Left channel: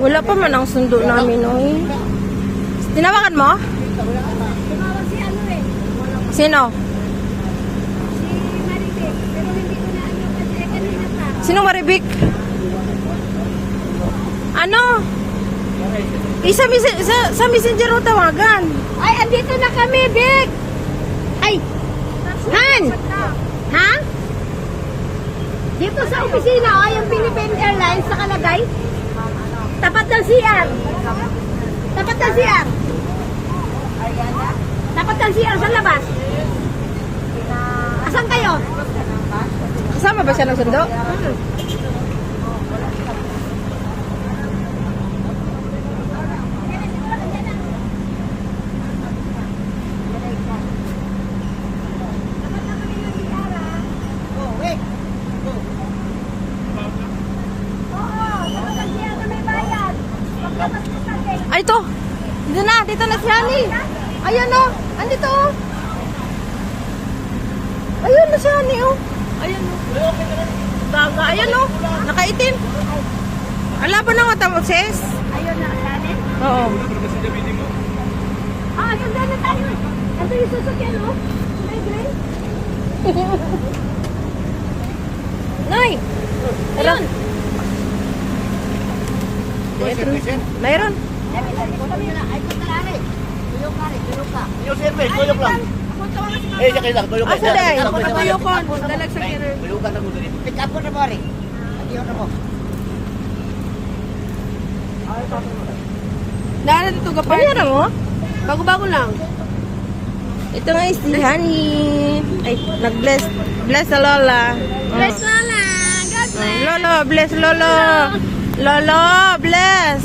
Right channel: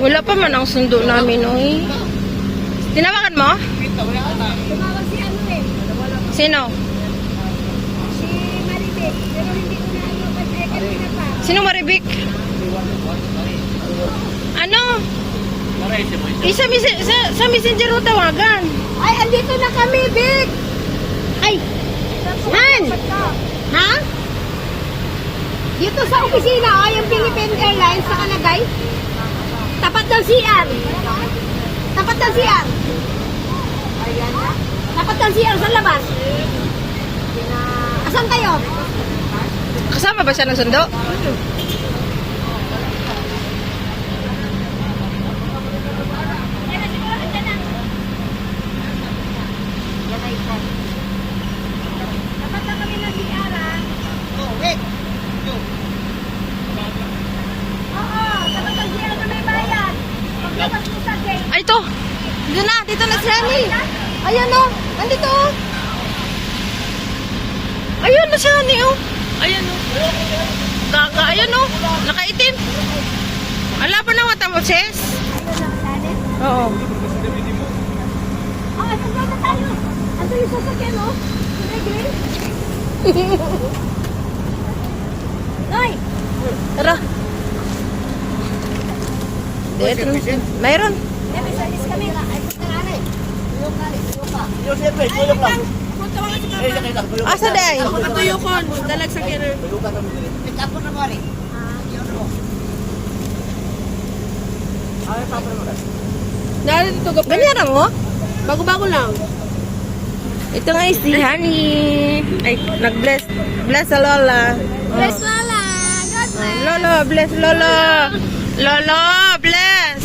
Wala pa man ang sundo namin, oy. Tinawagan mo? Tumawag si ano eh. Sino? Si Maribel. Pero hindi ko na ano. Kanina pa. Sino Maribik? Ano? Sa messenger mo tawagan. Ay, andito na kami, Big. Ay. Han. Ha? Dito sa opisina, o yung Philippine Airlines nakalagay. Tapat ng CR. Tapat ng CR. Tapat ng CR sa labas. Asan kayo? Kasama ba siya ng sundo? Tapat na kami ng CR, ha? Oo, tapat ng CR na may bayan. Labas mo sa gate. Ay, ito. Dito na si Honey. Ayan o. Andito o. Ayun na si Honey o. Ayan o. Gaga. Ayan o. Nakaitim. Ala ba na mata mo, sis? Ayun na, kanin. Oo. Ah, handa na tayo. Ito yung sasakyan, oh. Green. Nay! Tara. Ito. Mayroon. Asa day? Patuyokon, dalag sa kiro. Dahil dito ka pa. Banyara mo? Bago-bago lang. Ito nga si Honey. Ay, nag-bless. Bless sa Lola. Bless Lola! God bless! Lolo, bless Lolo. Lolo, bless.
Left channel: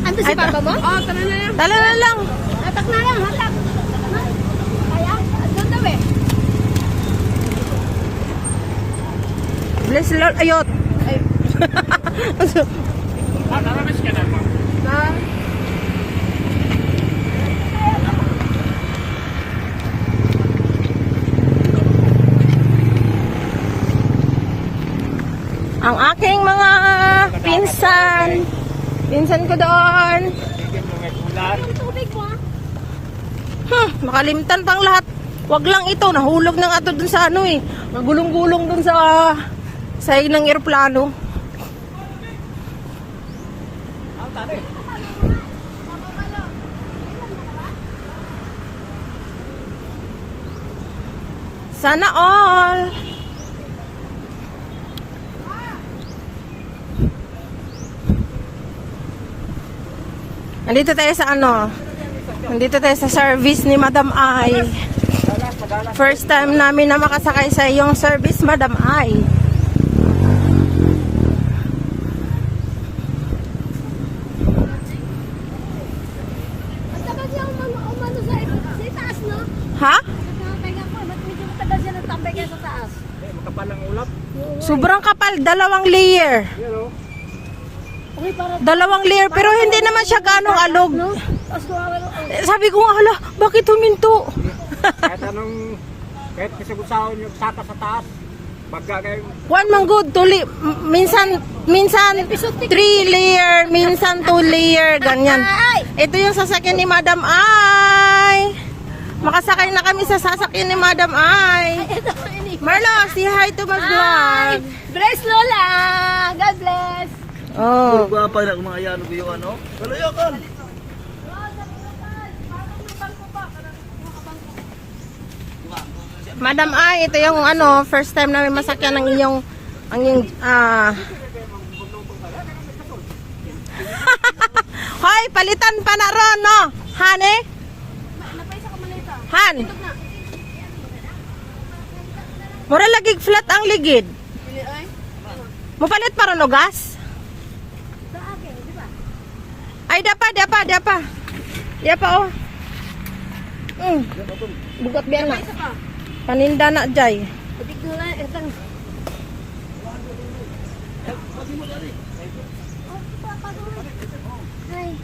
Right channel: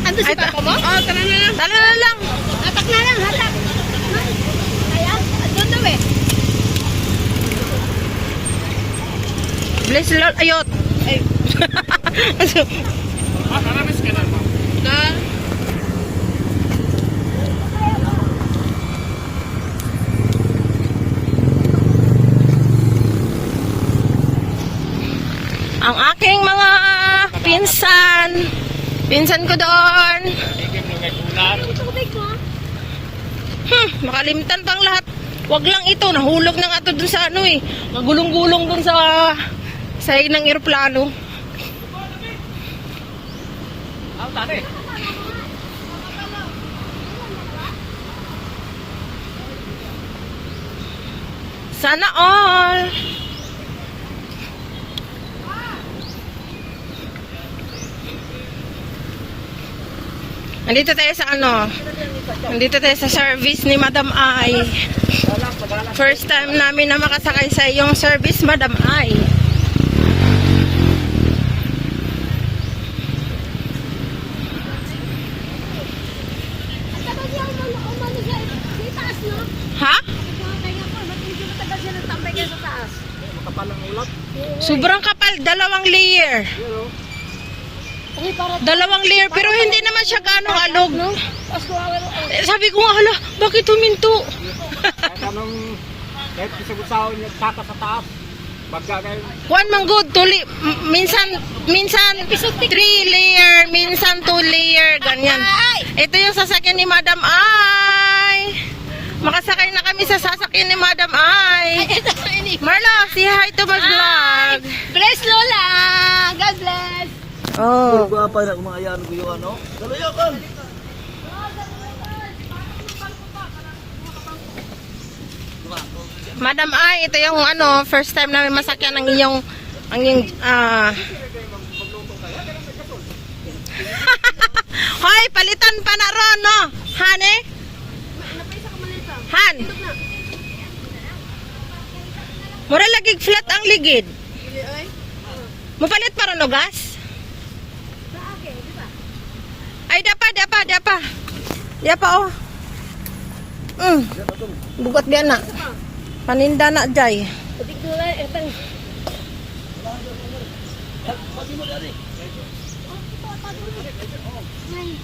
Ando si Ay, Papa mo? Oh, tara na. Tala na lang. Hatak na lang, hatak. Kaya, doon daw eh. Bless Lolo. Ayot. Ay. Na. Ang aking mga pinsan ko doon. Tubig mo? Makalimtan pang lahat. Wag lang ito, nahulog na nga ito dun sa ano eh. Ang gulong-gulong dun sa sahig ng eroplano. Sana all. Nandito tayo sa ano? Nandito tayo sa service ni Madam Ai. First time namin na makasakay sa iyong service, Madam Ai. Ang tagal niya umano sa taas, no? Ha? Kaya ko, hindi mo tabas yan ang tambay kayo sa taas. Sobrang kapal, dalawang layer. Ay, para Dalawang layer, pero hindi naman siya ganong alog. aswawa na. Sabi ko nga, hala, bakit huminto? Kahit kasagusawan nyo tapa sa taas, pagka kayo, One man good, minsan 3 layer, minsan 2 layer, ganyan. Ito yung sasakyan ni Madam Ai. Makasakay na kami sa sasakyan ni Madam Ai. Marlo, say hi to my vlog. Bless Lola! God bless! Oh. pa na kumayan ko yung ano, galayakan! Madam Ai, ito yung ano, first time namin masakyan ng iyong Hoy, palitan pa na ron, no? Hane? Han? Mura lagig flat ang ligid. Mupalit pa ron o gas? Ay, dapa. Dapa, oh. Bugot biyan na. Paninda na, Jay. Pagkikulan, itang... Hi.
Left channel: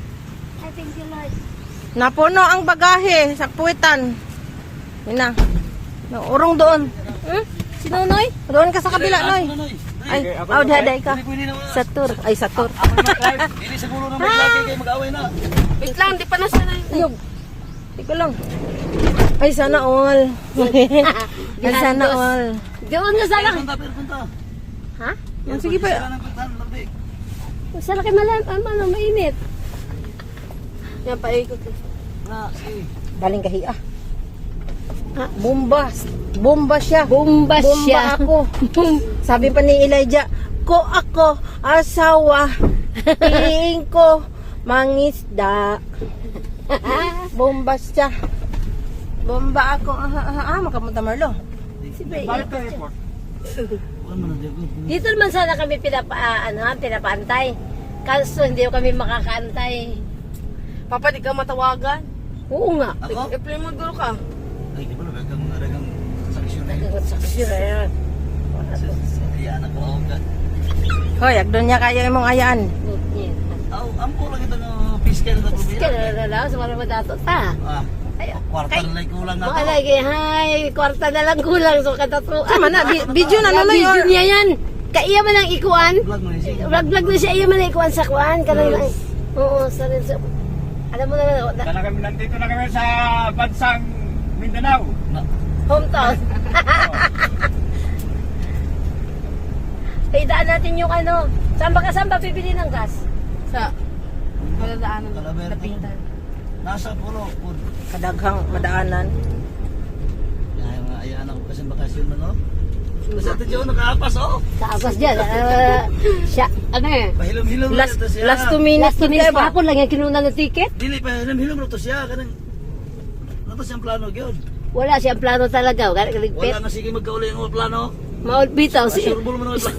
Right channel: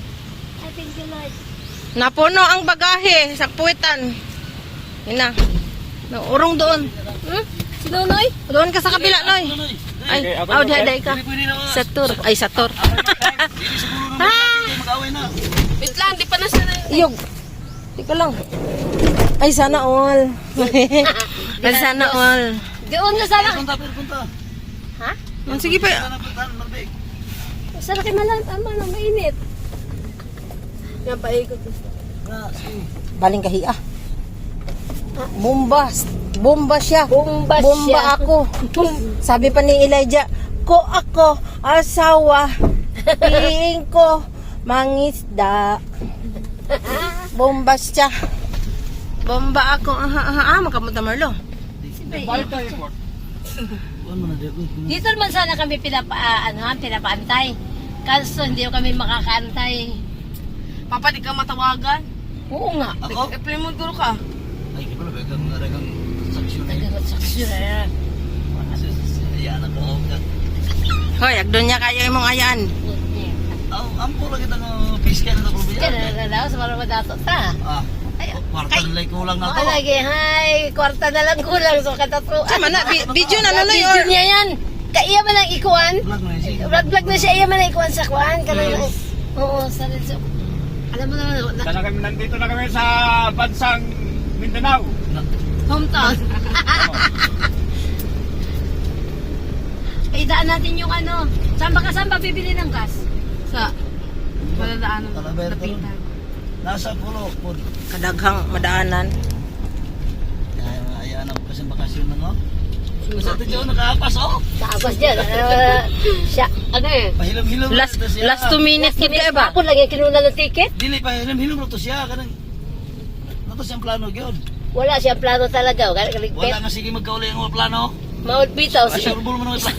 I thank you, Lord. Napuno ang bagahe sa puwitan. Ina. Urong doon. Si Nonoy? Doon ka sa kabila, Noy. Ay, day ka. Sa tour. Ay, sa tour. Hindi siguro na maglagay kayo mag-away na. Wait lang, di pa na siya. Iyog. Ika lang. Ay, sana all. Ay, sana all. Doon na sana. Punta. Ha? Sige pa. Punta, Marbig. Saan ka malang mainit? Yan, paikot. Sige. Baling kahiya. Bombas. Bomba siya. Bomba Bomba siya. ako. Sabi pa ni Elijah, ko ako, asawa, piliin ko, mangisda. Bomba siya. Bomba ako. Makapunta Marlo. Balik tayo po. Ano na, Dagot? Dito naman sana kami pinapaantay. Kaso hindi kami makakaantay. Papa, di ka matawagan. Oo nga. Ako? I-play mo guro ka. Ay, kaya pala, dagang saksyon. Nagagot sa kusura yan. Ayan, ako. Hoy, agdo niya kaya imong ayaan. Ampo lang kita ng fiscal na probinsya. Kaya na daw sa mga dato ta. Kwarta na lang kulang na Mga to. lagi, hay, kwarta na lang kulang so katatlo. Sama na, video na nunoy. Video niya yan. Kaya man lang ikuan. Vlog na yun. Vlog na siya, iya man lang ikuan sa kuan. Kanang oo, sa rin. Alam mo naman, Sana kami, nandito na kami sa bansang Mindanao. hometown. Paidaan natin yung ano. Saan ba bibili ng gas? Sa maladaanan. Talaber to. Napitan. Nasa puro. Kadaghang madaanan. Ayan ako kasi bakasyon na no. Kasi ito dyan nakaapas oh. Sa agas niya. Siya, ano eh. Pahilom-hilom na ito siya. Last 2 minutes na kayo ba? Ako lang yung kinuna ng ticket. Dili, pahilom-hilom na ito siya. Kanang, nato siyang plano gyud. Wala siyang plano talaga. Wala kaligpit. Wala nga sige magkauli ang mga plano. Maul bitaw si. Asurbol mo naman plano.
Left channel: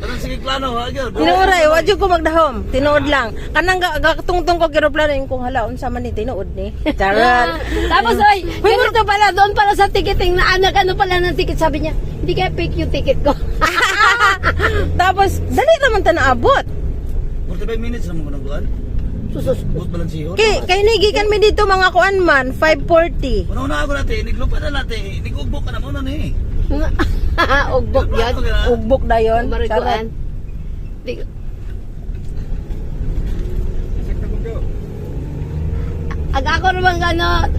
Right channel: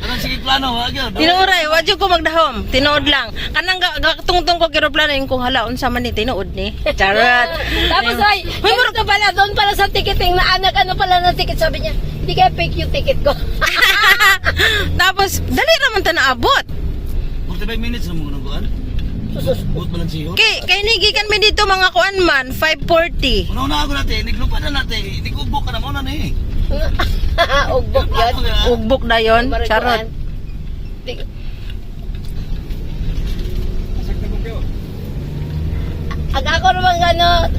Wala sige plano ha gyud. Tinuoray, wadyo ko magdahom. Tinuod lang. Kanang gatungtong ko kiroplano yung kung hala unsa man ni tinuod ni. Charot. Tapos ay, may ito pala doon para sa ticketing na anak ano pala ng ticket sabi niya. Hindi kaya fake yung ticket ko. Tapos dali naman ta naabot. 45 minutes na mo nang kuan. Susus. Buot balansihon. Kay nigikan mi dito mga kuan man 5:40. Una ako natin, niglupa na natin. Nigubok ka na mo na ni. Ugbok yan. Ugbok dayon. Charot. Ang ako naman ano,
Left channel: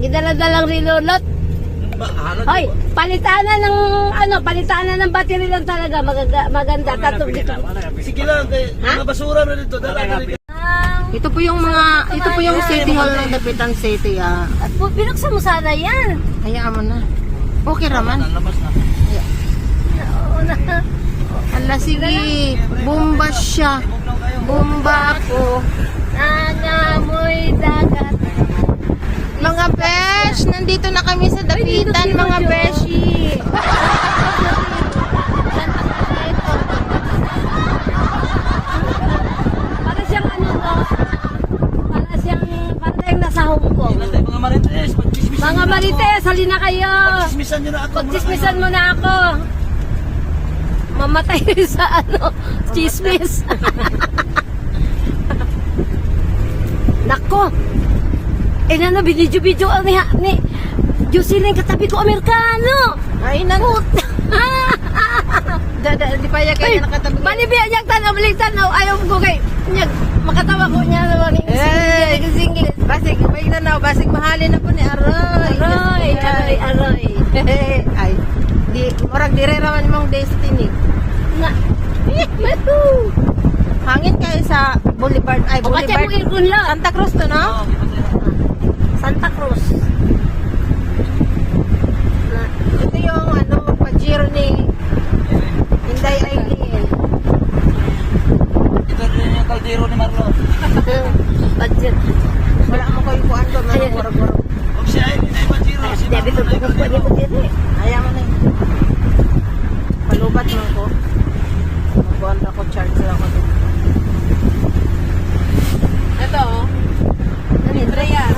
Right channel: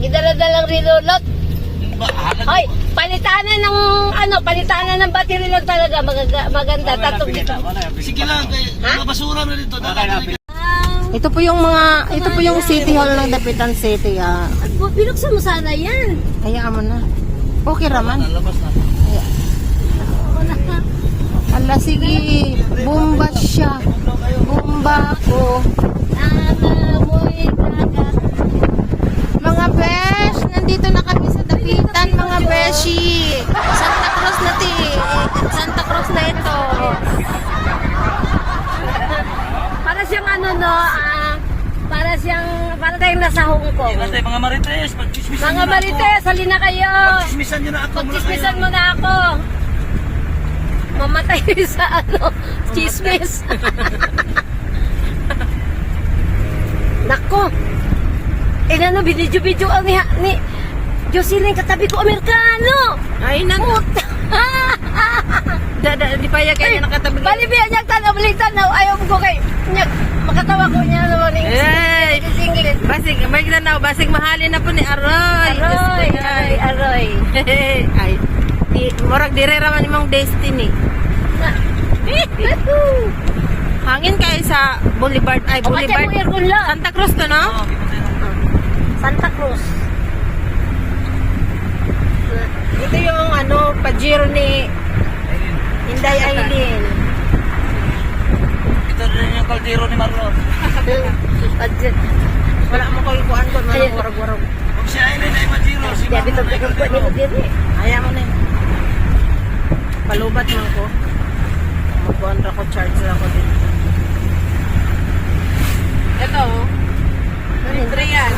gidala-dalang rilonot. Hoy, palitanan ng battery lang talaga maganda. Tatong dito. Sige lang, kay mga basura na dito. Ito po yung City Hall ng Dapitan City ah. At binuksan mo sana yan. Hayaan mo na. Okay raman. Labas na. Oo na. Ala sige, bomba siya. Bomba ako. Nanamoy dagat. Mga besh, nandito na kami sa Dapitan mga beshi. Santa Cruz na ti. Santa Cruz na ito. Para siyang ano no, para tayong nasa Hong Kong. Basta mga marites, pagchismisan Mga marites, hali na kayo. Pagchismisan nyo na ako. Pagchismisan mo na ako. Mamatay sa ano, chismis. Naku. Ano, video ni Jocelyn katabi ko Amerikano. Ay nako. Di pa ya kaya nakatabi. Bali biya niyang tanaw, ayaw mo ko kay. Makatawa ko niya naman. Ay, basig mahalin na po ni Aroy. Aroy. Ay, murag dire raman imong destiny. Hangin kayo sa Boulevard, Boulevard. Santa Cruz to, no? Santa Cruz. Ito yung Pajero ni Inday Aileen. Ito rin yung kaldero ni Marlon. Wala mo kayo kuhan ko, mga warag-warag. Kung si Aileen ay Majiro, si Sabi ko, Marlon ay kaldero. Ayaw mo na yun. Palubat man ko. Mag-contra ko, charge lang ko dito. Ito, libre yan.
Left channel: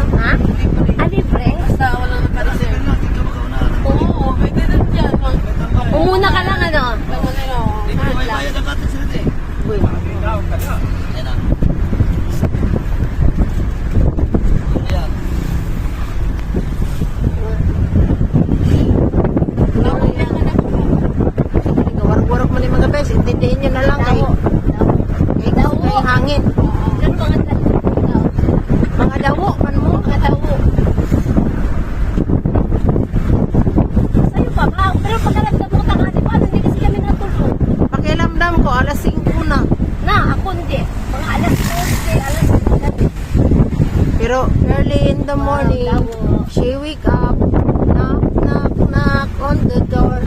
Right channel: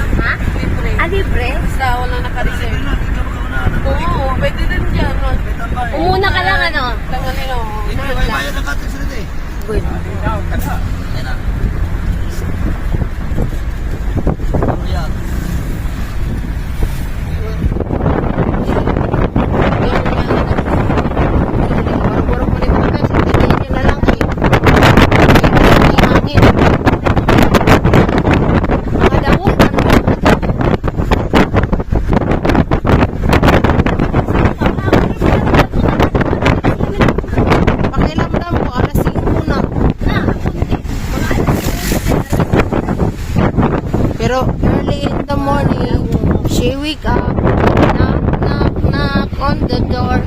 Libre. Libre? Basta ako lang naka-reserve. Sige lang, ikaw mauna. Oo, pwede na dyan. May tambay. Umuna ka lang ano. Kaya nila, Hindi ko may bayad ang katin sa dito eh. Good. Ikaw, kada. Yan na. Yan. in the morning, she wake up, knock on the door.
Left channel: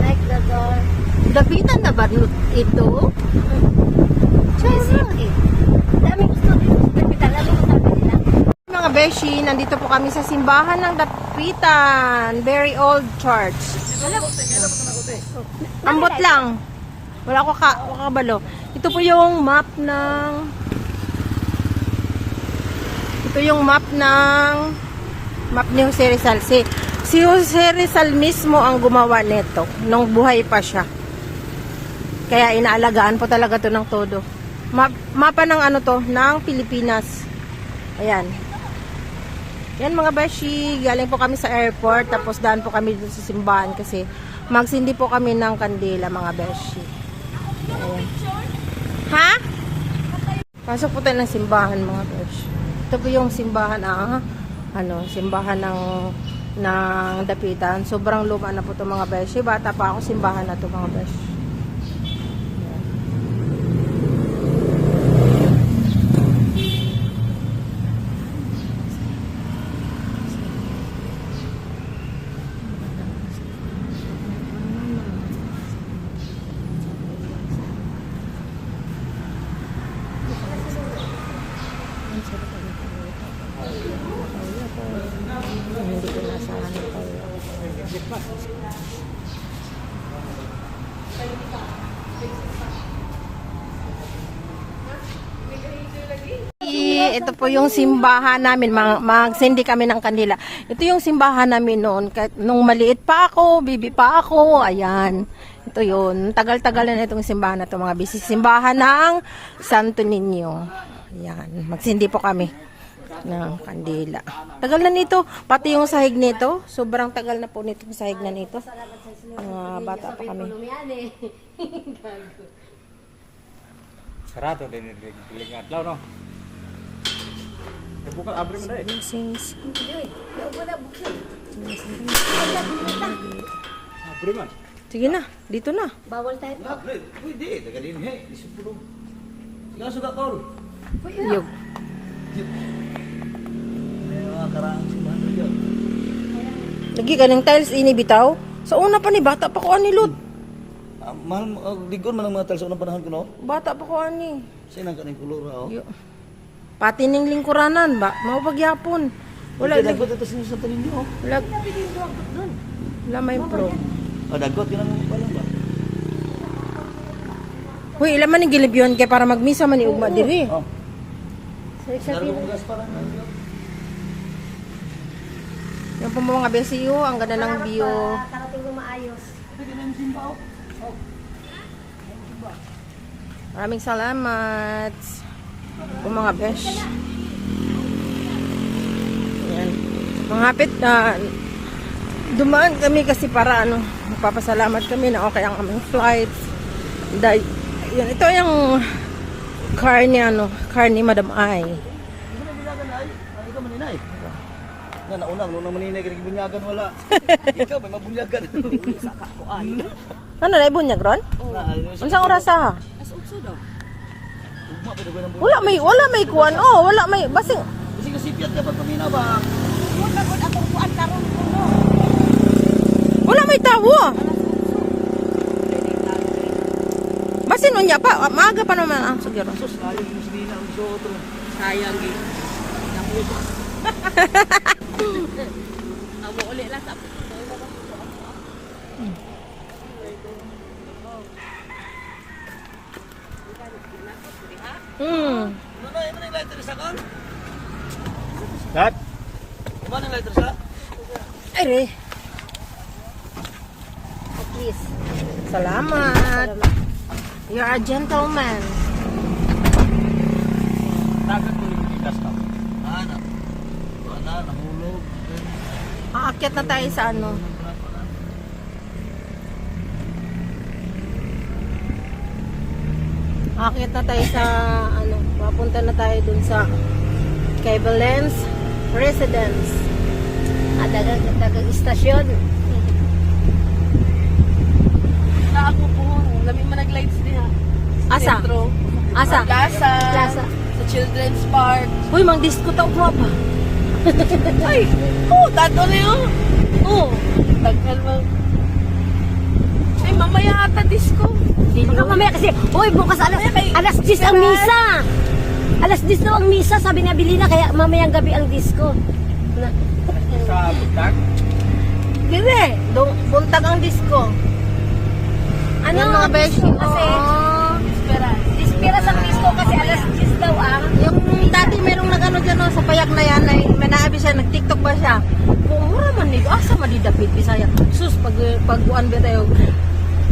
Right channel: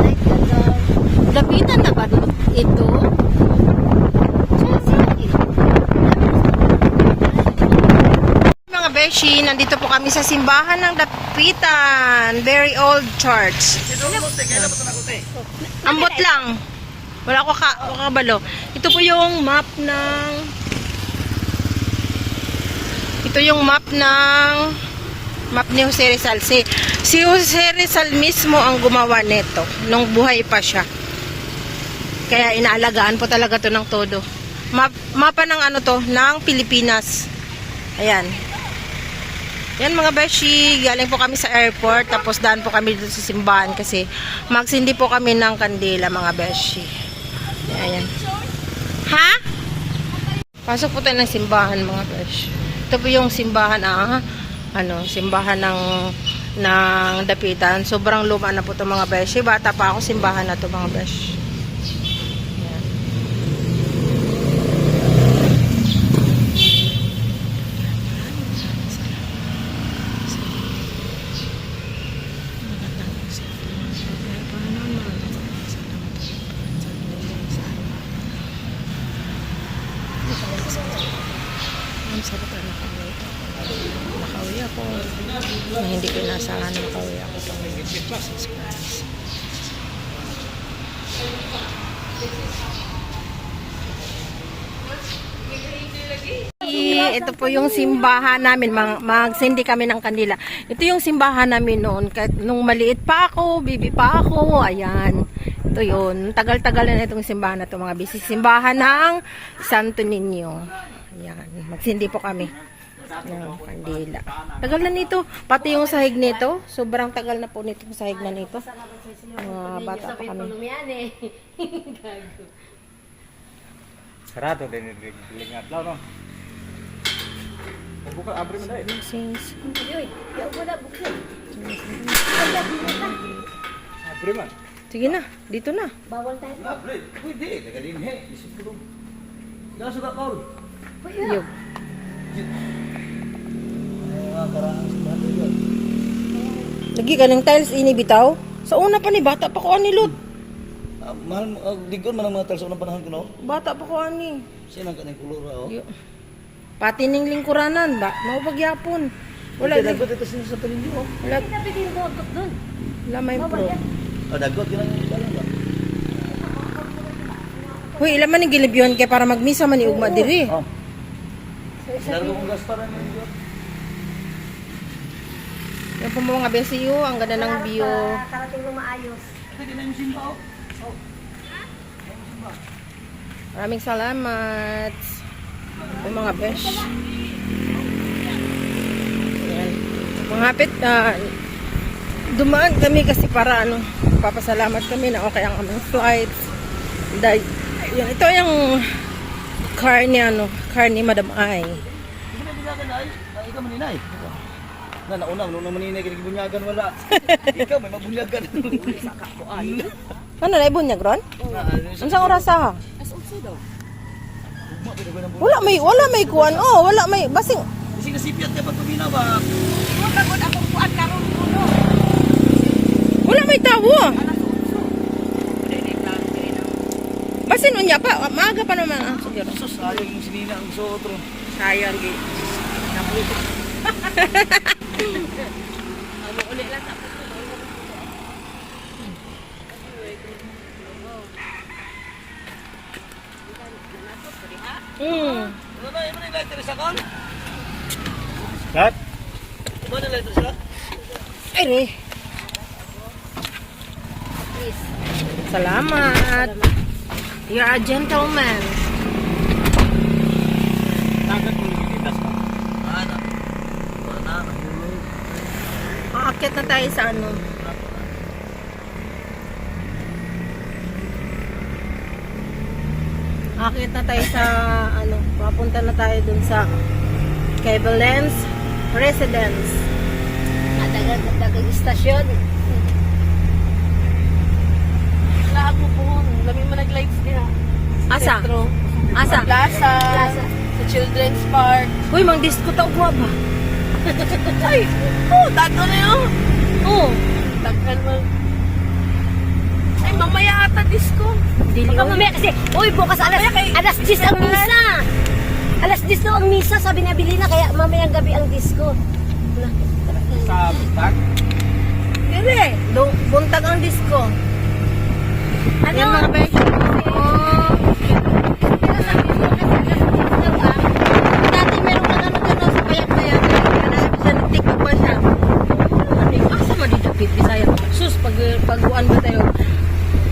Like the door. Dapitan na ba ito? Mga beshi, nandito po kami sa simbahan ng Dapitan. Very old church. Ambot lang. Wala ko kabalo. Ito po yung map ng map ni Jose Rizal. Si Jose Rizal mismo ang gumawa nito nung buhay pa siya. Kaya inaalagaan po talaga to ng todo. Mapa ng ano to, ng Pilipinas. Ayan. Yan mga beshi, galing po kami sa airport, tapos daan po kami dito sa simbahan kasi magsindi po kami ng kandila mga beshi. Ayan. Ha? Pasok po tayo ng simbahan mga beshi. Ito po yung simbahan, simbahan ng Dapitan. Sobrang luma na po ito mga beshi. Bata pa ako, simbahan na ito mga beshi. Ayan. Nakauwi ako na hindi ko inasahan na makauwi ako pa Jesus Christ. Ito po yung simbahan namin, magsindi kami ng kandila. Ito yung simbahan namin noon, kahit nung maliit pa ako, bibi pa ako, ayan. Ito yun, tagal-tagal na itong simbahan na ito, mga bisig. Simbahan ng Santo Niño. Ayan, magsindi po kami ng kandila. Tagal na nito, pati yung sahig nito, sobrang tagal na po nitong sahig na nito. Bata pa kami. Sarado din yung atlaw, no? Buka abri mo na eh. Abri mo. Sige na, dito na. Bawal tayo. Pwede, tagalin he. Isipulong. Ikaw suka Paul. Yug. Lagi ka ng tiles inibitaw. Sa una pa ni bata pa ko ani Lut. Digon man ang mga talsa unang panahon ko no? Bata pa ko ani. Sinang ka ng kulura oh. Yo. Pati ning lingkuranan ba? Mapagyapon. Wala Dagot ito sa tanin mo. Wala. Wala may pro. Dagot yun ang Hoy, ila man ni gilibyon kay para magmisa man ni ugma diri. Oh. Laro kong gas para man. Yan po mga BCU, ang ganda ng view. Karating na maayos. Maraming salamat. Po mga besh. Ayan. Mga hapit dumaan kami kasi para papasalamat kami na okay ang aming flights. Yan, ito yung car ni Madam Ai. Ikaw maninay. Nauna maninay ka nagbunyagan wala. Ikaw may mabunyagan. Ano na ibunyag ron? Unsang oras ha? Wala may kuan wala may basing. Kasi kasipyat ka pagpamina ba? Wala may tawo. Basin unya pa, maaga pa naman ang siguro. Sus, ano yung sinina ang sotro. Sayang eh. Ano na, yung lighter sa kan? Kat? Ano na lighter sa? Ay re. Please. Salamat. You're a gentleman. Dagat mo yung itas ka. Nahulog. Aakyat na tayo sa Aakyat na tayo sa papunta na tayo dun sa kay Belen's Residence. Dagang istasyon. Lami mo nag-lights din ah. Asa? Sentro. Asa? Plaza. Children's Park. Uy, mang disco tao mo ba? Ay, oh, tato na yun. Oh, Tagal mo. Ay, mamaya ata disco. dili Ikaw mamaya kasi, uy, bukas alas 10 ang misa. Alas 10 lang ang misa, sabi ni Abilina, kaya mamayang gabi ang disco. Sa buntag. Dili, buntag ang disco. Ano? Yan mga beshi. Kasi, ispira sa disco kasi alas 10 daw ah. Dati merong nag-ano doon sa kuyak na yan. Kanaabi siya, nag-tiktok ba siya? Wala man nila. Asa madidapit, Bisaya. Sus, pag-uan ba tayo?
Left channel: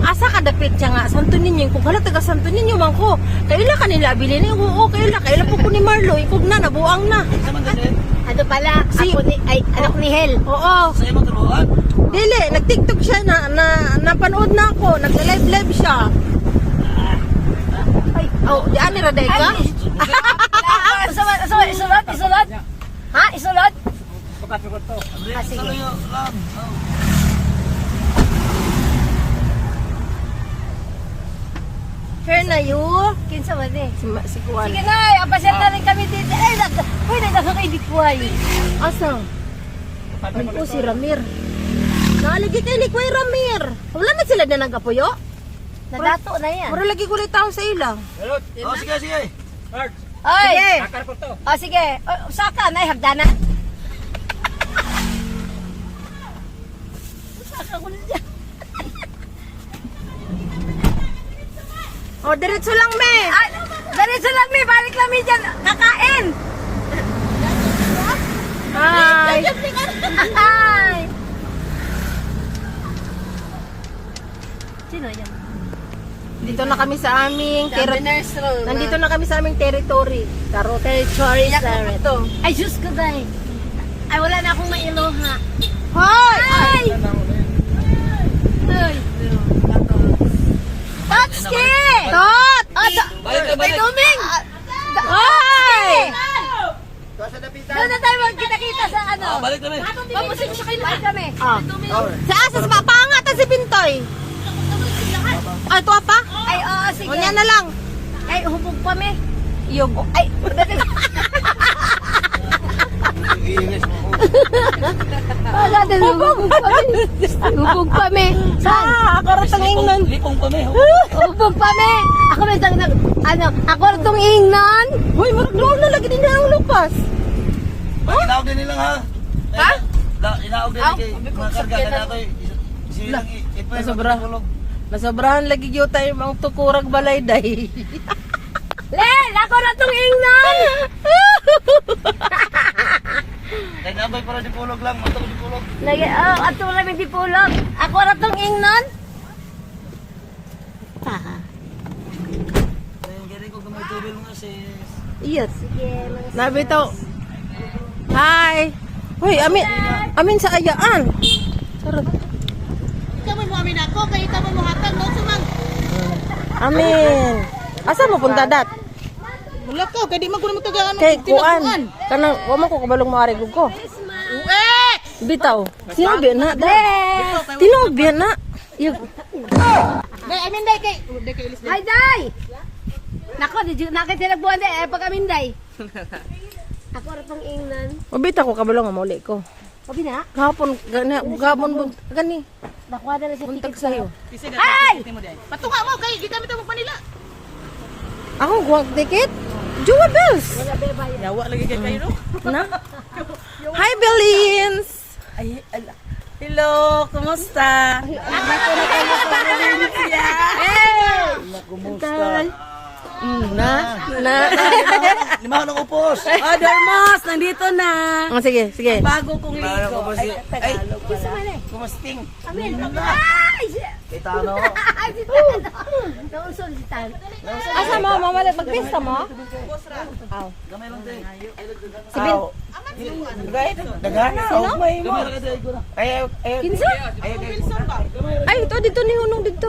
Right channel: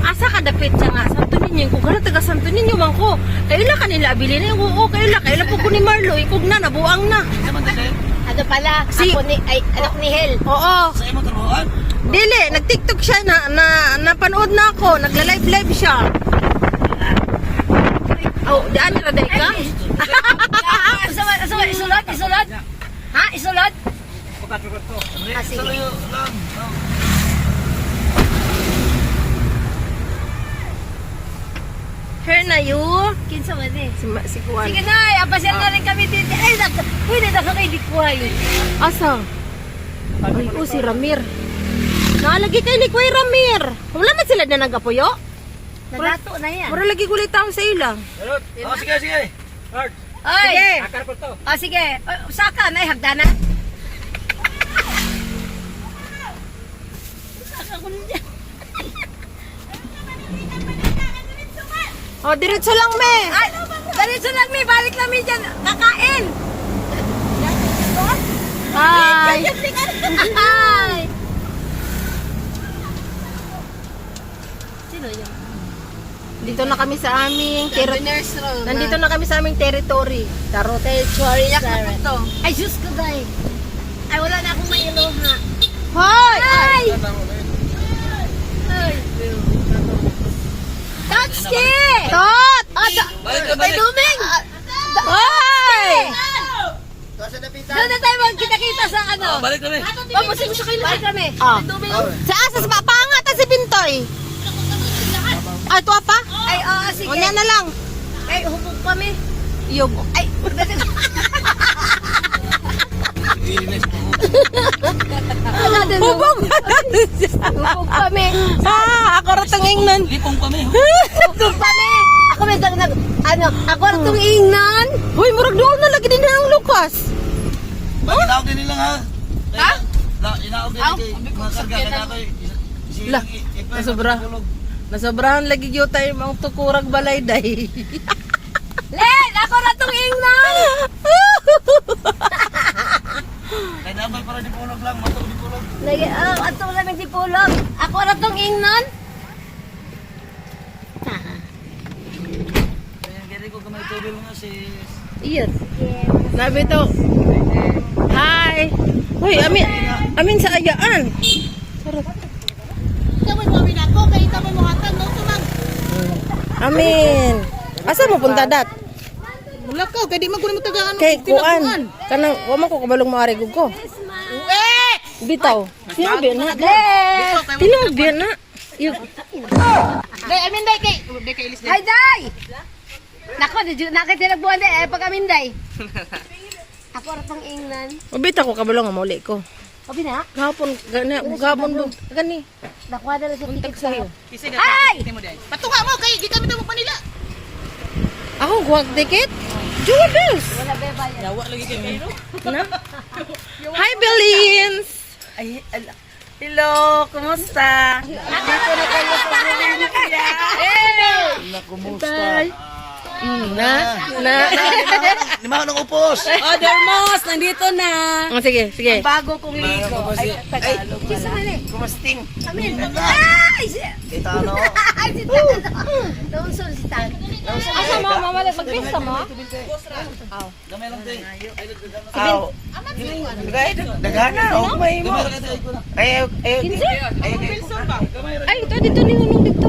Asa ka dapit siya nga? Santo Niño. Kung gano'n taga Santo Niño man ko. Kaila ka nila, abili na. Oo, kaila po ko ni Marlo. Ikog na, nabuang na. Kaman dali. Ano pala, Si- anak ni Hel. Oo. Sa imong trabuhan. Dili, nag-tiktok siya napanood na ako. Nagla-live siya. Oh, di ani raday ka? Isulat? Ha? Isulat? Pagkatugot to. Sige. Saluyo lang. Oh. Her na you. Kinsa man eh. Si Kuan. Sige na, apasyal na rin kami dito. Ay, pwede na kami dikway. Asa? Ay, oh, si Ramir. Nalagi kay ni Kuya Ramir. Wala man sila na nag-apuyo? Nagato na yan. Mura lagi kulit tao sa ila. Salud. Oh, sige, sige. Start. Ay, Sige. Akar ko to. sige. Saka na, hagdanan. Saka ko na dyan. Oh, diretso lang, me. Ay, diretso lang mi, balik lang mi dyan. Kakain. Hi. Ay. Sino yan? Dito na kami sa aming Diners Roll. Nandito na kami sa aming territory. Tarot. Territory Iyak na to. Ay, sus ko day. Ay, wala na akong mailoha. Hoy! Ay! Ay! Tatski! Tot! Balik na, balik. Duming! Hoy! Doon na tayo magkita-kita sa ano. Oh, balik kami. Pamusin siya kayo lahat kami. Ah. Sa asa sa pangatan si Bintoy. Ah, ito pa? Ay, oo, sige. Unya na lang. Ay, hubog pa mi. Yog. Ay, Hubog. hubog pa mi. Ah, ako rin tangingnan. Lipong kami. Oh. Hubog pa mi. Ako may daw ako rin itong ingnan. Hoy, murag niyo na lagi din ang lupas. Inaog din nila ha. Ha? Inaog din kay mga karga ka nato. Silang Nasobra. Nasobrahan lagi gyud tayo ang tukurag balay day. Len, ako rin itong ingnan. Kaya nabay para di pulog lang. Mato di pulog. Ato namin di pulang. Ako rin itong ingnan. Kaya gari ko gamay tubig mo sis. Yes. Nabi to. Hi. Hoy, amin sa ayaan. Sarap. Kamu mo amin ako, kayo kamu mo hatag mo tumang. Amin. Asa mo punta dat? Wala ko, kaya di man ko mo taga ano. Kay kuan. Kanang wa man ko kabalong maari gud ko. Bitaw. Sinabi na. Tinabi na. Yung Day, amin day kay. Day kay Ilis day. Hay day. Nako, nakitinabuan day pag amin day. Ako rin itong ingnan. Mabita ko kabalong mauli ko. Kabi na? Gahapon gani. Nakuha na lang sa Buntag ticket sa'yo. Kasi na Ay! mo day. Patunga mo kay di kami daw Manila. Ako guwag ticket. Judas. Yawa lagi kay kayo. Na? Hi, Bellins. Ay, hello, kumusta? Dito na kayo sa probinsya. Bye. Na. Lima ng upos. Dermas, nandito na. Oh, sige. Bago kong ligo. Ay, Tagalog pala. Kumusting. Amin. Ay! Kita ano. Ay, si Tan. Noong solicitan. Asa mo mamali magpista mo? Gamay lang din. Aw. Dagana, oh may mo. Gamay lang din ko na. Ay, Kinsa? Ay, dito ni Hunong dito.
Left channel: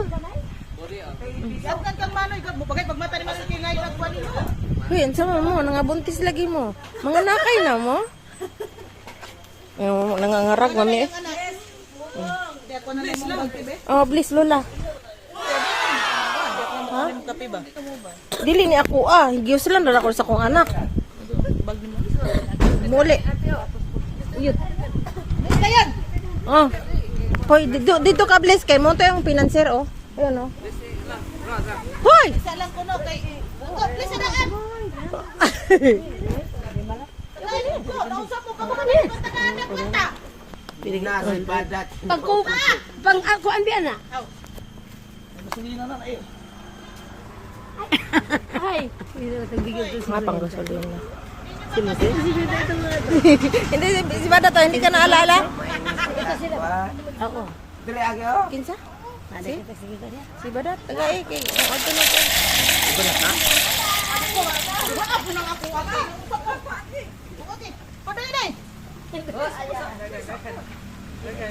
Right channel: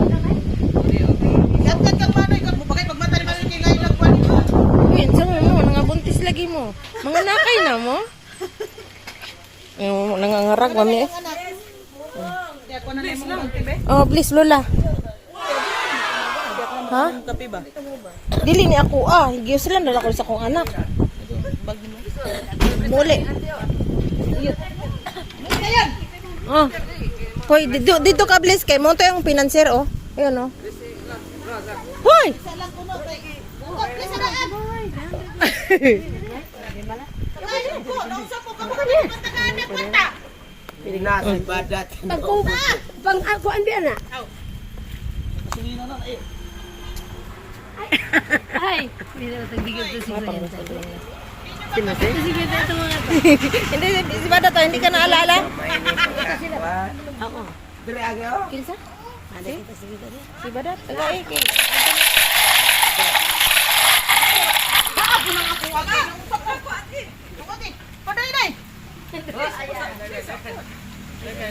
Uy, ang sama mo, nangabuntis lagi mo. Mga nakay na mo. Yung nangangarag, mami. Oh, please, Lola. Ha? Dili ni ako Giyos lang dala ko sa kong anak. Muli. Oh. Hoy, dito ka bless kay mo to yung financier oh. Ayun oh. Hoy. Pang ako ambian na. Ay, hindi na tagbigay ko si Mapang gasolina. Hindi, si Bada to, hindi ka naalala? ako. Kinsa? Si Bada, tagay kay.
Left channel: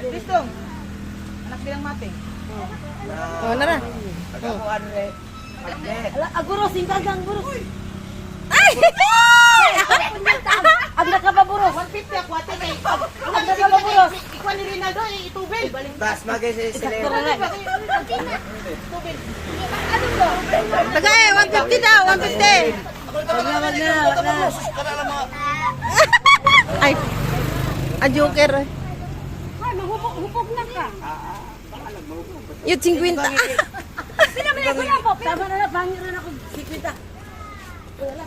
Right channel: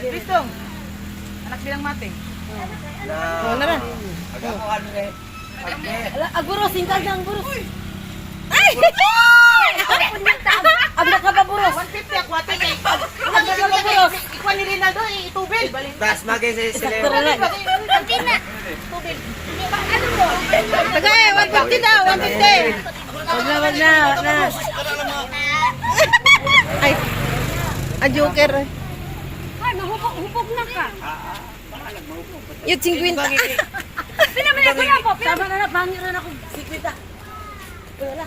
Kristong. Anak bilang mate. Oh, nara. Aguro singkal lang guro. Ay! Ang nakababuro. 150 ako ate kay. Ikaw ni Rinaldo itubil. Das magay sa sila. Ano mo? Tagay, 150 daw, 150. Ay. A joker. Ay, mahupog na ka. Yung 50. Pinaman na kuya po. Tama na pangiran ako. Sikwita. Wala.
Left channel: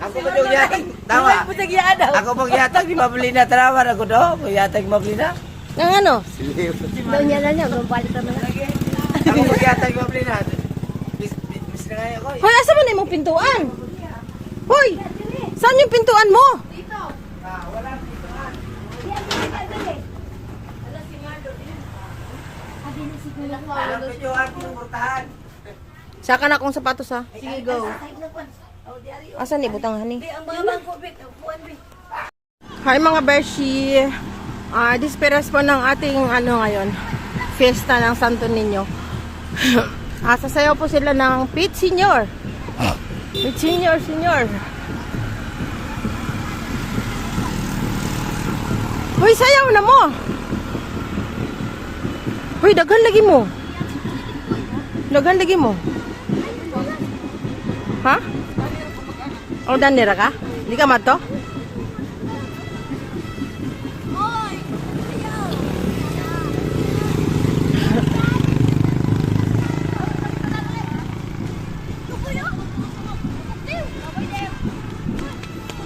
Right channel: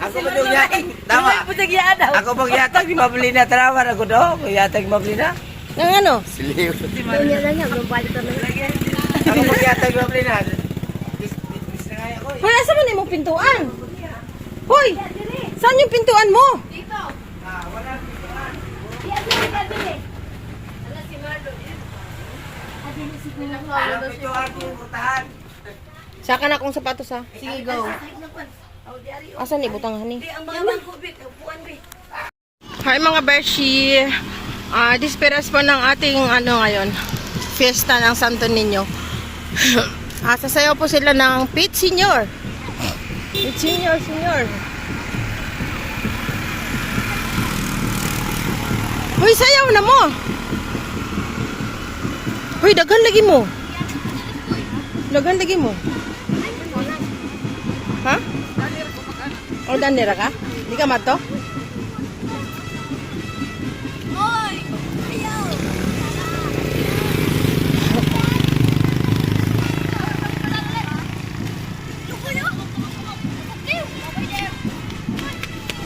Ako ba doon yating? Tama. Putagyaan daw. Ako pag yatag, di mabili na. Tarawan ako doon. Kung yatag mabili na. Nang ano? Siliw. Kanya lang niya. Magpalit na lang. Ako pag yatag mabili na. Bis na kaya ko. Hoy, asa man yung pintuan? Hoy, saan yung pintuan mo? Saka na akong sapatos ha. Sige, go. Asan ni butang hani? Ang mga bangko, Bek. Upuan, Bek. Hi mga Bershi. Disperas po ng ating ano ngayon, fiesta ng Santo Niño. Sasayaw po sila ng Pit Senior. Pit Senior, Senior. Hoy, sayaw na mo. Hoy, daghan lagi mo. Daghan lagi mo. Ha? O, danira ka? Di ka mato?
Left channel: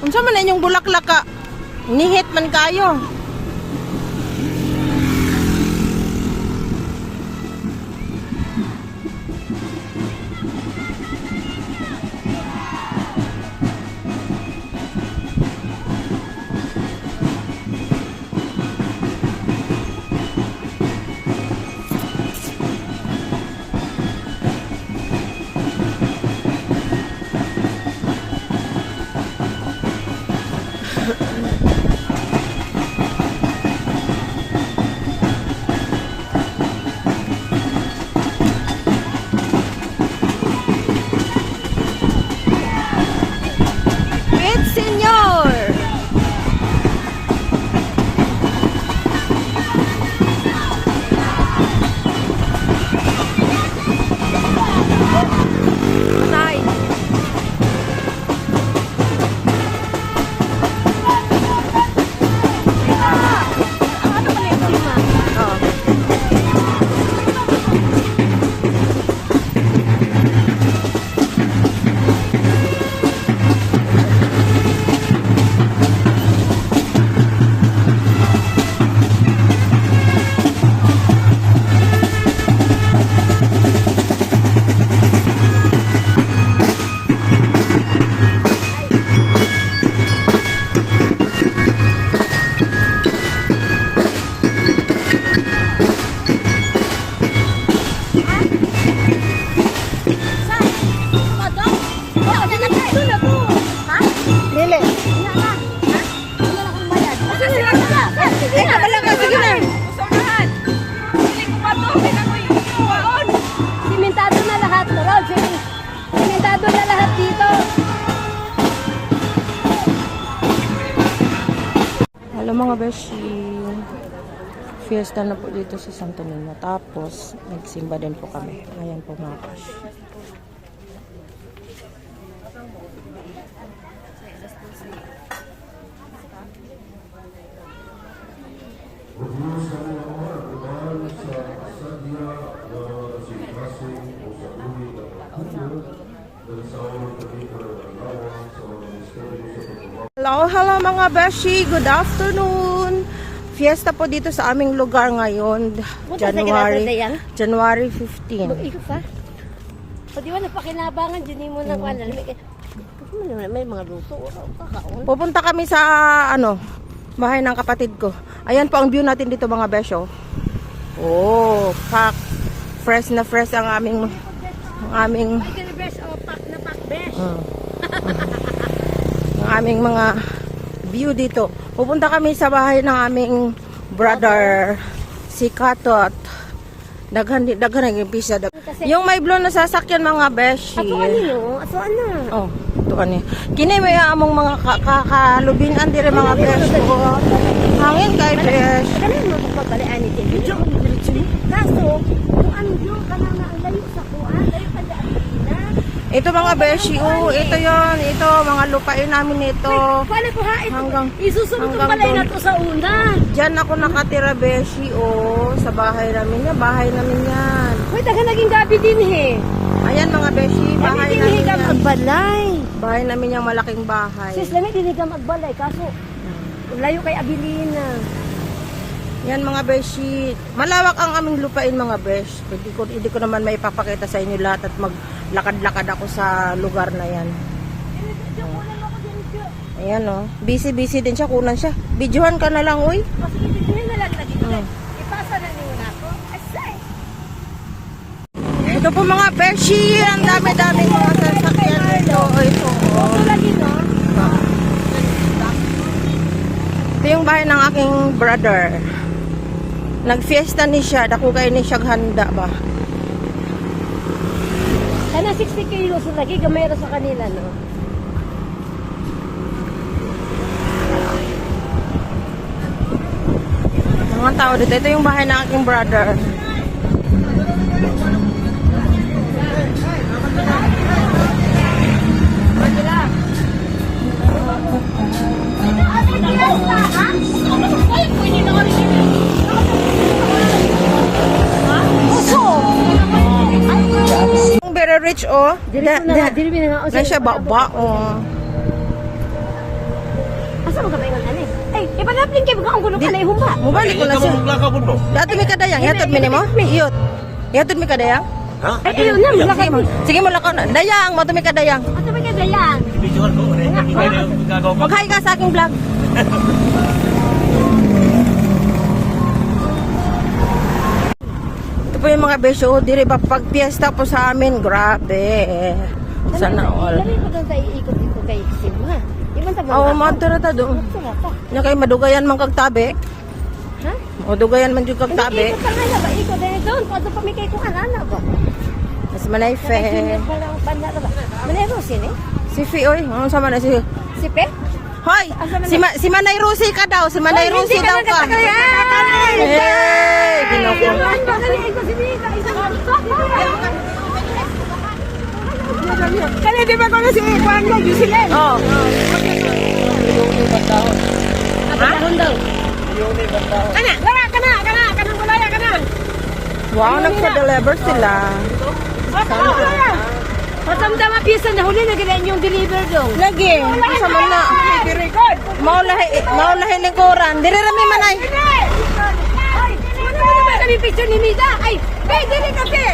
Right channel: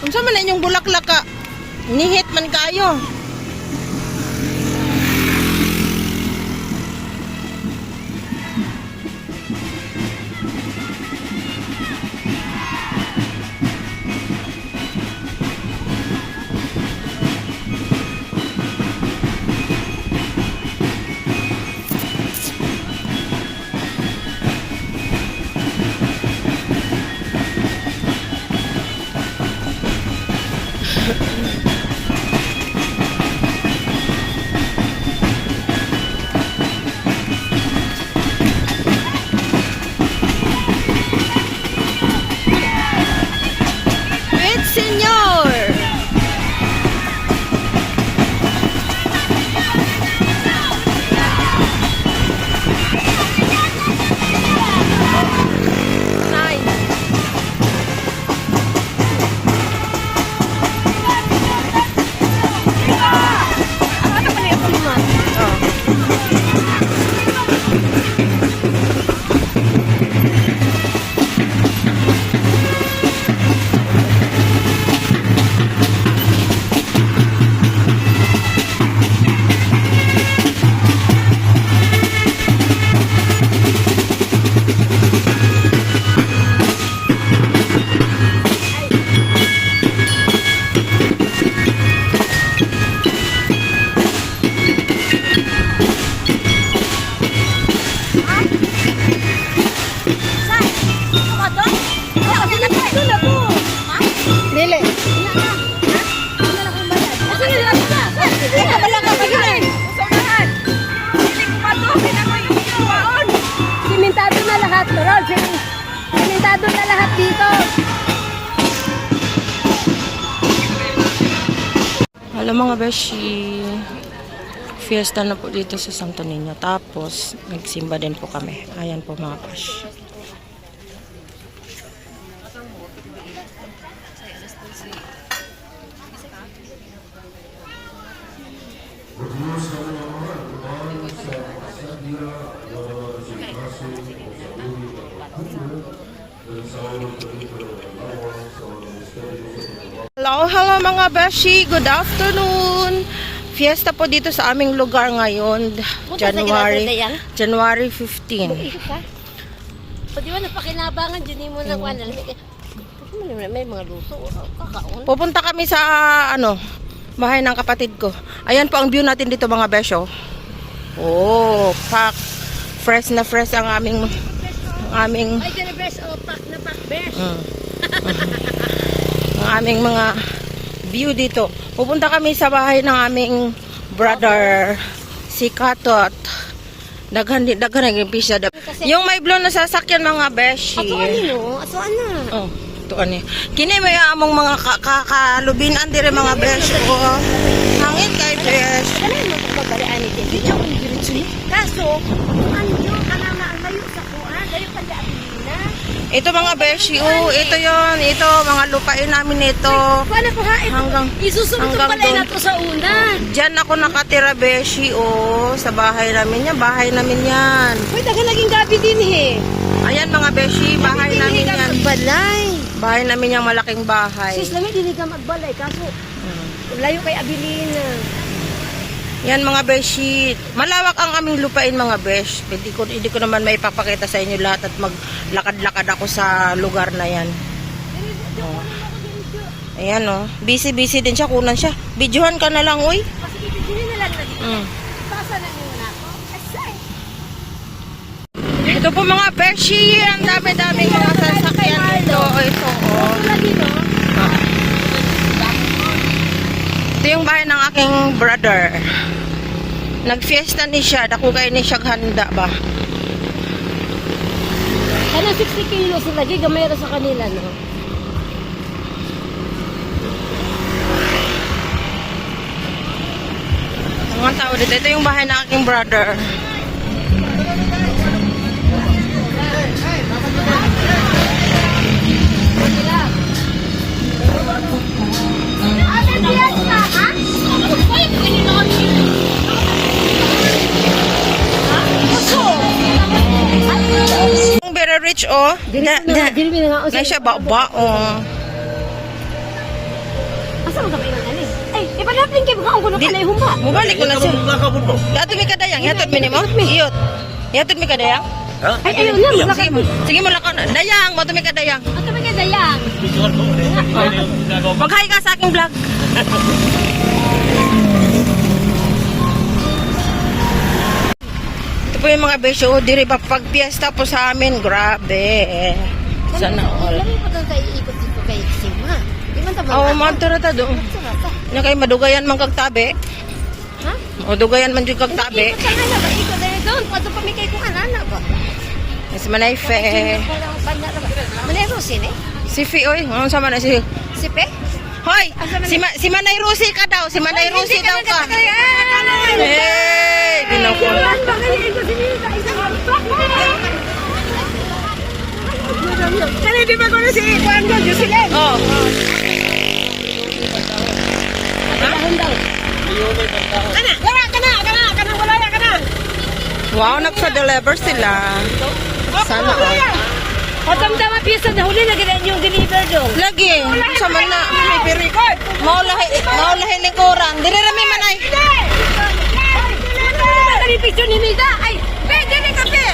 Unsa man na inyong bulaklak ka? Nihit man kayo. Pit Senior. Nay. Oh. Dili. Ay, kabala ka. Sige na. Simentado na lahat, Lord. Simentado na lahat dito. Hello mga beshi. Fiesta na po dito sa Santo Niño. Tapos, nagsimba din po kami. Ayan po mga besh. Hello mga beshi. Good afternoon. Fiesta po dito sa aming lugar ngayon. January 15. Pwede mo napakinabangan, dyan mo na kuhan. May mga luto. Kakaon. Pupunta kami sa bahay ng kapatid ko. Ayan po ang view natin dito mga besyo. Oh, pack. Fresh na fresh ang aming Ay, dyan ang best. Oh, pack na pack best. ang aming mga view dito. Pupunta kami sa bahay ng aming brother si Katot. Daghan yung pisa. Yung may blow na sasakyan mga beshi. Aso ano? Oh, ito ani. Kini may among mga kalubinan dire mga beshi. Oh, hangin kay besh. Kanino mo pagpapalian ni Tim? Kaso, kung ano yun, kanang na ang layo sa kuhan, layo ka dyan. Ito mga beshi, oh, ito yon, ito mga lupain namin ito. Kala ko ha, Hanggang isusunod hanggang pala doon. na to sa una. Diyan ako nakatira beshi, oh, sa bahay namin yan, bahay namin yan. Uy, taga naging gabi din Ayan mga beshi, bahay namin yan. Magbalay. Bahay namin yung malaking bahay. Sis, lamig hindi ka magbalay. Kaso, layo kay Abilina. Yan mga beshi, malawak ang aming lupain mga besh. Hindi ko naman may papakita sa inyo lahat at maglakad-lakad ako sa lugar na yan. Oh. Ayan oh, busy din siya, kunan siya. Videohan ka na lang, uy. Kasi hindi na lang naging. Mm. Ipasa na muna ako. Asay. Ito po mga beshi, ang dami-daming mga sasakyan dito. Ito oh. Ito yung bahay ng aking brother. Nagfiesta ni siya, dako kay ni siya handa ba. Kaya 60 kilos sila, gamay ra sa kanila, no? Mga tao dito, ito yung bahay ng aking brother. Very rich oh. Na siya ba-baong. Asa mo ka ba yung alis? Ay, ipalapin kayo baka ang kuno ka na yung humba. Mubalik ko na siya. Dato mi kadayang, yatod mi nimo? Iyot. Yatod mi kadayang? Ay, ayun na, malakad mo. Sige mo lakon. Dayang, mo mi kadayang. Ato ba kayo dayang? Mag-hi ka sa aking vlog. Ito po yung mga besyo, dire pa pag piyesta po sa amin, grabe. Sana all. Lami pa doon tayo ikot-ikot kay Sigma. Di man tabang. Oo, madto ta doon. Nya kay madugayan man kag tabi. Ha? O dugayan man jud kag tabi. Ikot na ba? Ikot na doon. Pato pa mi kay kung anana ba? Mas manay fe. Manero sini? Si Fi oy, ano sa man si Si Pe? Hoy, si Manay Rusi ka daw, si Manay Rusi daw ka. Hey, ginako. Kaya di ba ko si Manuel Jusilin? Oh. Wow, nagsa-deliver sila. Sana all. Patang daw piso na huli na ganyan yung deliver doon. Lagi, sa man na. Maulahi lingkuran. Diri rami manay. Kami picture ni Mida. Ay, pwede rin kape.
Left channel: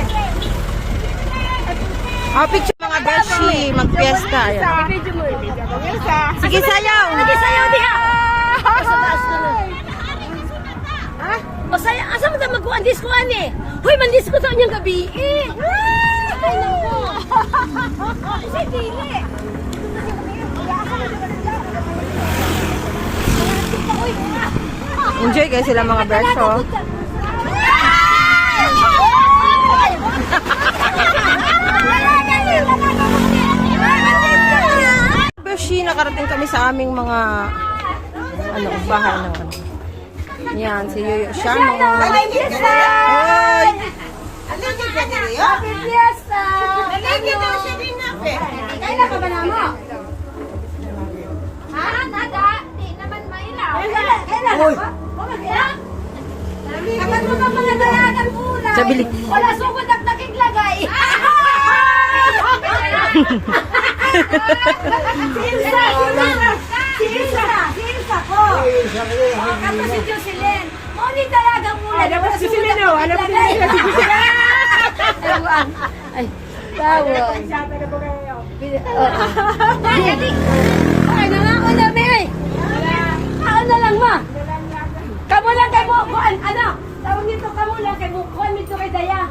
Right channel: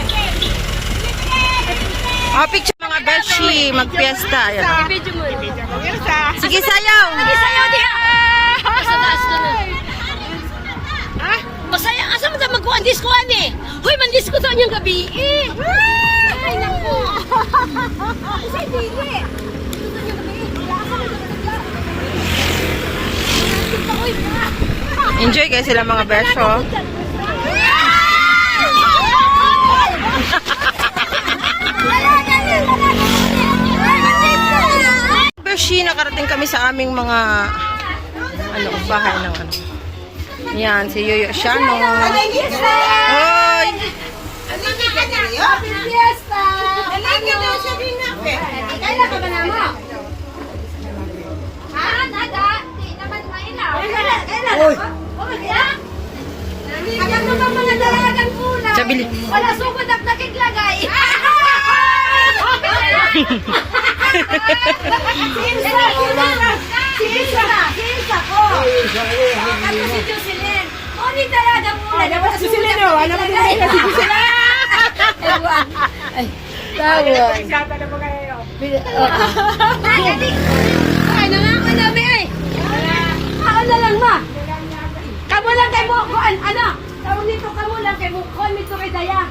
Picture mga beshi, magpiesta. Ayan. I-video mo. Sige, sayaw. Sige, sayaw diha. Basta taas ka na. Ha? Masaya. Asa mo tayo magkuhan diskuhan eh? Huy, mandisco sa inyong gabi eh. Ay, naku. Kasi dili. Enjoy kayo sila mga besyo. Beshi, nakarating kami sa aming mga bahay ng Yan, si Yoyo Shano. Hoy! Happy Fiesta! Kailan ka ba na mo? Ha? Naga? Di naman mailaw. Kailan? Kailan? Alam mo ba mga dalagan kulang? Sabili. Wala sugod at nakiglagay. Sinsa ko. Kato si Jocelyn. O ni dalagang muna. Wala sugod at nakiglagay. Ay, tawon. Ano yan ko na, Mary? Ano lang mo? Kamu lang kay Bukuan, ano? Tawag nito, kamu lang kay Bukuan, nito kay Daya.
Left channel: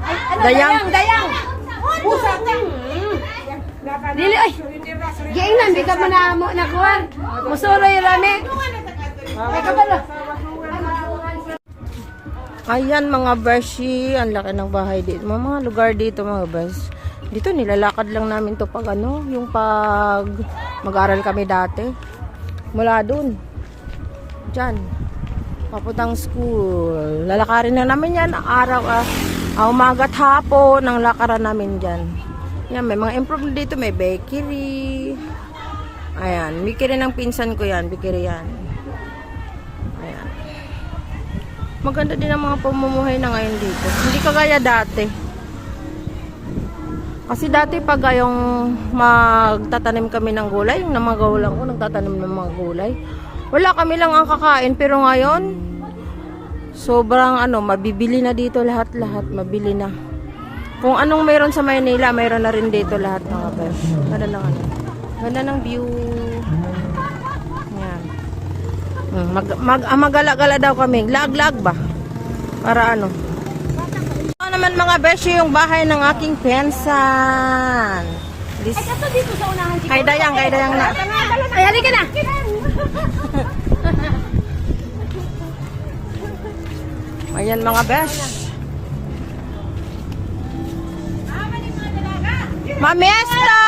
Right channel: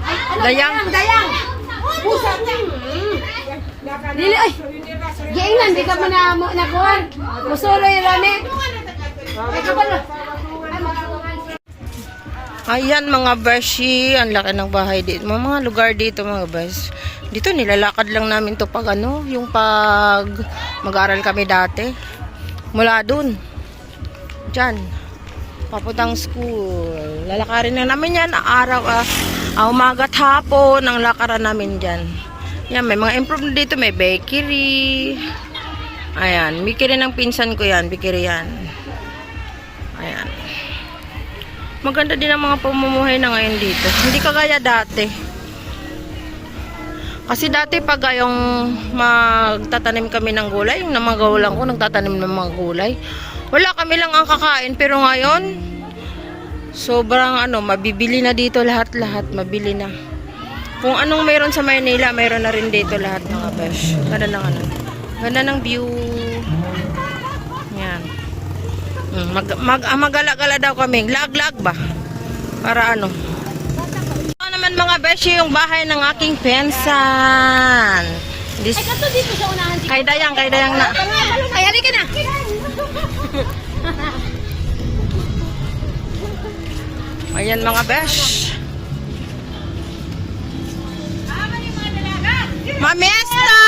Ay, ano, Dayang. Dayang. Pusa ko. Dili, ay. Giingnan, di ka mo na kuhan. Musulo yung rami. Ay, kabalo. Ayan mga beshi, ang laki ng bahay dito. Mga lugar dito mga besh. Dito nilalakad lang namin to pag ano, yung pag mag-aral kami dati. Mula dun. Diyan. Papuntang school. Lalakarin na namin yan araw, umaga at hapon ang lakaran namin dyan. Yan, may mga improvement dito. May bakery. Ayan, bakery ng pinsan ko yan. Bakery yan. Ayan. Maganda din ang mga pamumuhay na ngayon dito. Hindi kagaya dati. Kasi dati pag yung magtatanim kami ng gulay, yung namagawalan ko nagtatanim ng mga gulay, wala kami lang ang kakain. Pero ngayon, sobrang mabibili na dito lahat-lahat. Mabili na. Kung anong mayroon sa Maynila, mayroon na rin dito lahat mga besh. Ganda ng ganda ng view. Yan. Magala-gala daw kami. Lag-lag ba? Para ano? Ito naman mga beshi yung bahay ng aking pensan. Kay Dayang na. Ay, halika na. Ayan mga besh. Mamesta!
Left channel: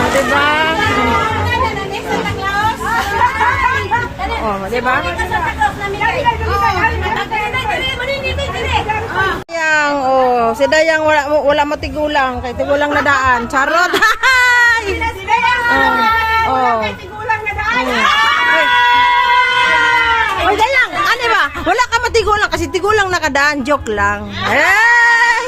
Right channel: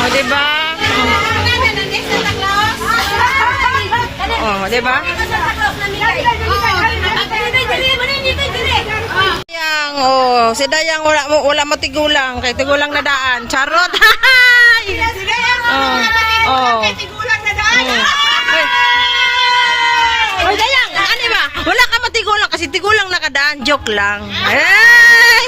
Oh, diba? Oh, diba? Dayang, oh, si Dayang wala matigulang, kay tigulang na daan. Charot. Oh. Oh, Dayang, ano ba? Wala ka matigulang kasi tigulang nakadaan, joke lang. Hey!